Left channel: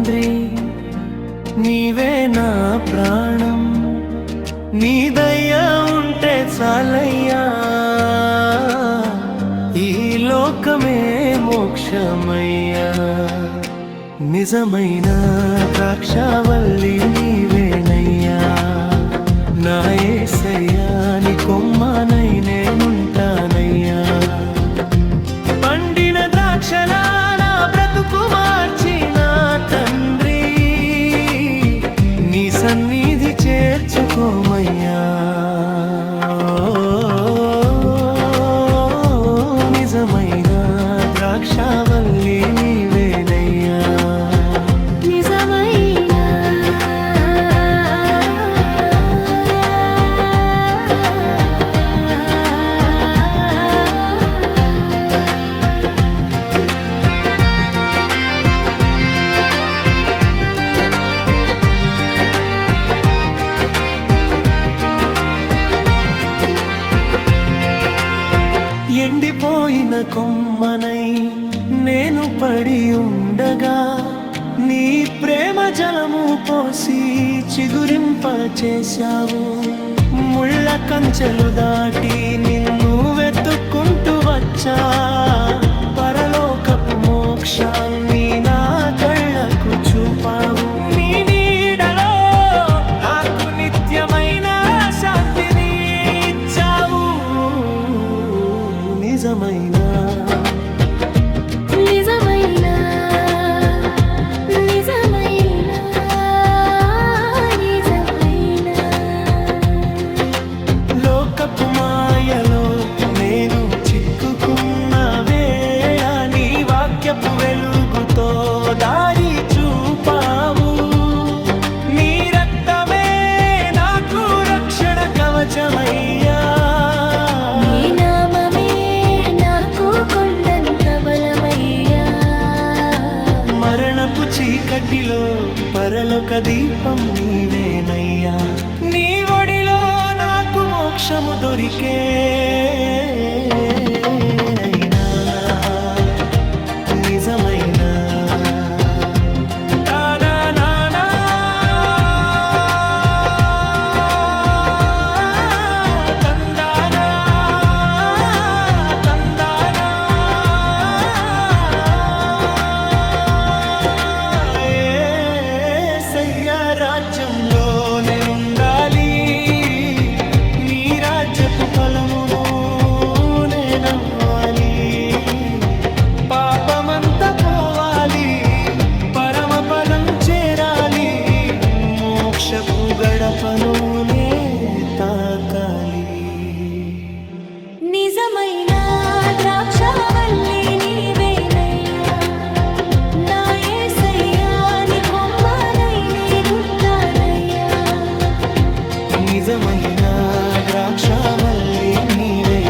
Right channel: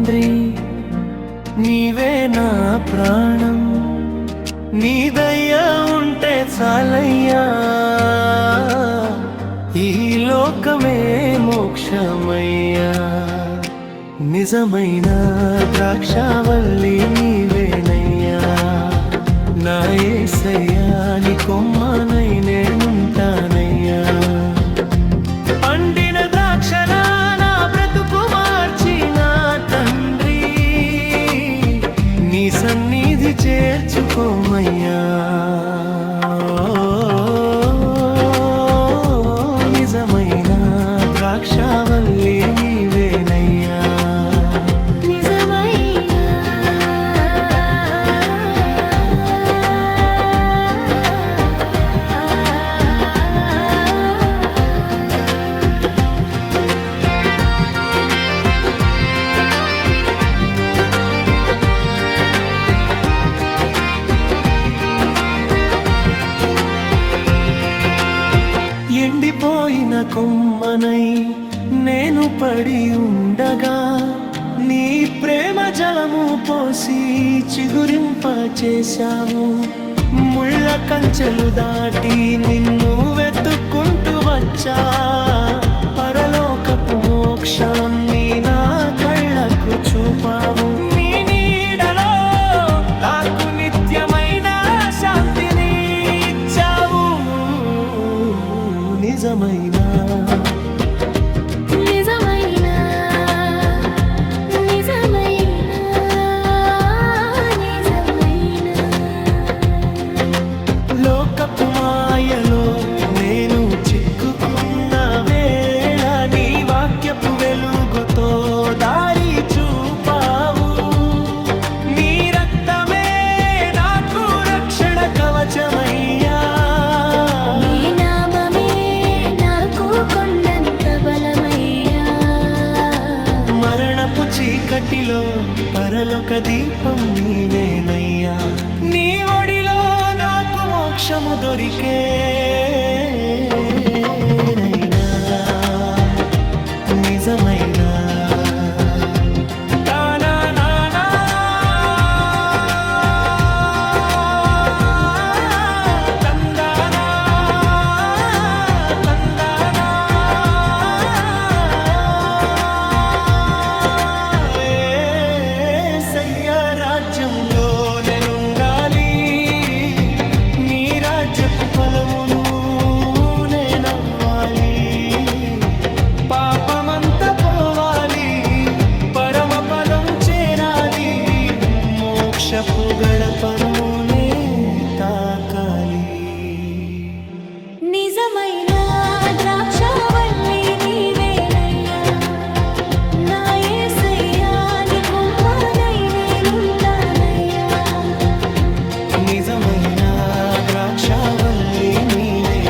తండ్రి నీవే నా ప్రాణం నీ దయ ఉంటే చాలయ్యా. ఈ లోకమే మోక్షమయ్యా. నిజమైన ద్రాక్షవల్లి నీవేనయ్యా. నా ఏసయ్యా నీ కొమ్మనై నేనుంటా. సన్నిధి చేర్చుకోమయ్యా. నిజమైన ద్రాక్షావల్లి ఎండిపోయిన కొమ్మనై నేను పడి ఉండగా నీ ప్రేమ జలము పోసి చిగురింప చేశావు. ముళ్ళ కంచెలు దాటి నిన్ను వెతుక్కుంటూ వచ్చా. పరలోకపు మోక్షాన్ని నా కళ్ళకు చూపావు. నేను నిజమైన? నిజమైన? నిజమైన? నిజమైన? లోకపు మాయలో నేను చిక్కుకున్న వేళ నీ వాక్యపు వెలుగుతో దారి చూపావు. నీ రక్తమే నాకు రక్షణ కవచమయ్యా. మరణపు చీకటిలో పరలోక దీపం నీవేనయ్యా. నీ ఒడిలో నాకు మోక్షము దొరికే నైనా పాపమంతా పోవాలి. పరమ పదం చేరాలి. మోక్షపు గడపను నే తాకాలి. నిజమైన ద్రాక్షవల్లి నీవేనయ్యా. నా యేసయ్యా నీ కొమ్మనై నేనుంటానయ్యా. నిజమైన ద్రాక్షవల్లి నీవే